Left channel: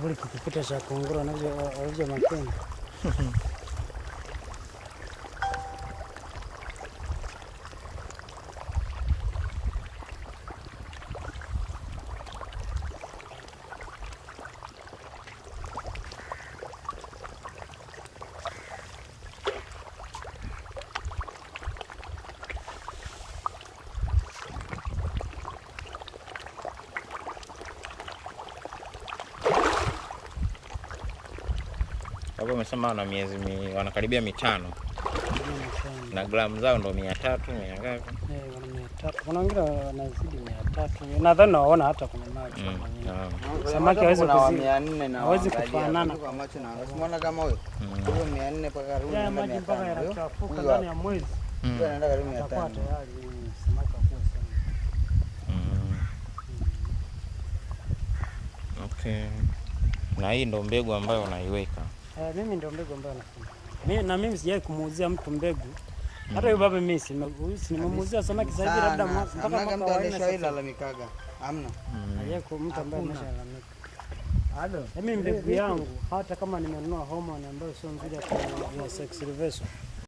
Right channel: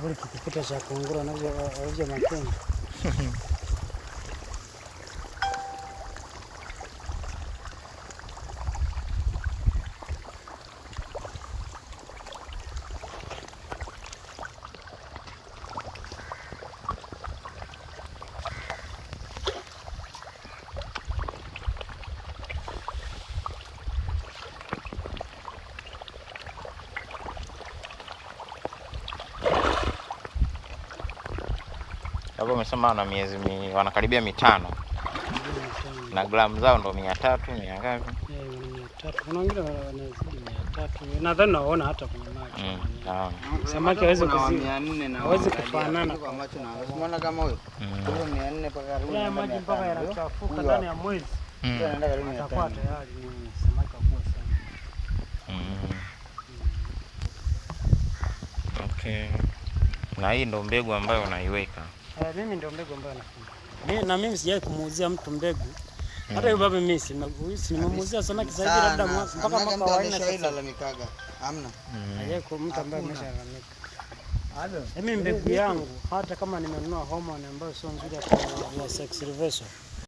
Kivuli kikikuta cha kunguru anavyo makini. Hapo umesema wanakaribia 5 na gramu zao ndo 300 100 ngapi? 300. Kuna wengine wanazidi 300. Nadhani naona hata kwenye maji. Samaki hawezi kuzidi 400 na hawezi kufanana kwa macho na. Unaona kama huyo? Huyo 400 mpaka rudi. Ya maji mpaka yanachafuka ndani ya mwezi. Ndio anaenda karibu 500. Atakuwa tayari samaki wakubwa sana. Okay. Na hii ndo mbegu ambayo unaiweka. Mimi ndio mbegu ambayo nafanya. Mimi sijai kumuuzia mtu mbegu. Hata yule baba mimi nimemuuzia samaki sasa hivi labda mpaka mwaka wa 4 sasa ilalamikaga. Hamna. Hayeko mtu ambaye ameshalalamika. Mimi mbegu yangu hata kama nimenunua hormone ambayo sio nzuri ya sex reversal.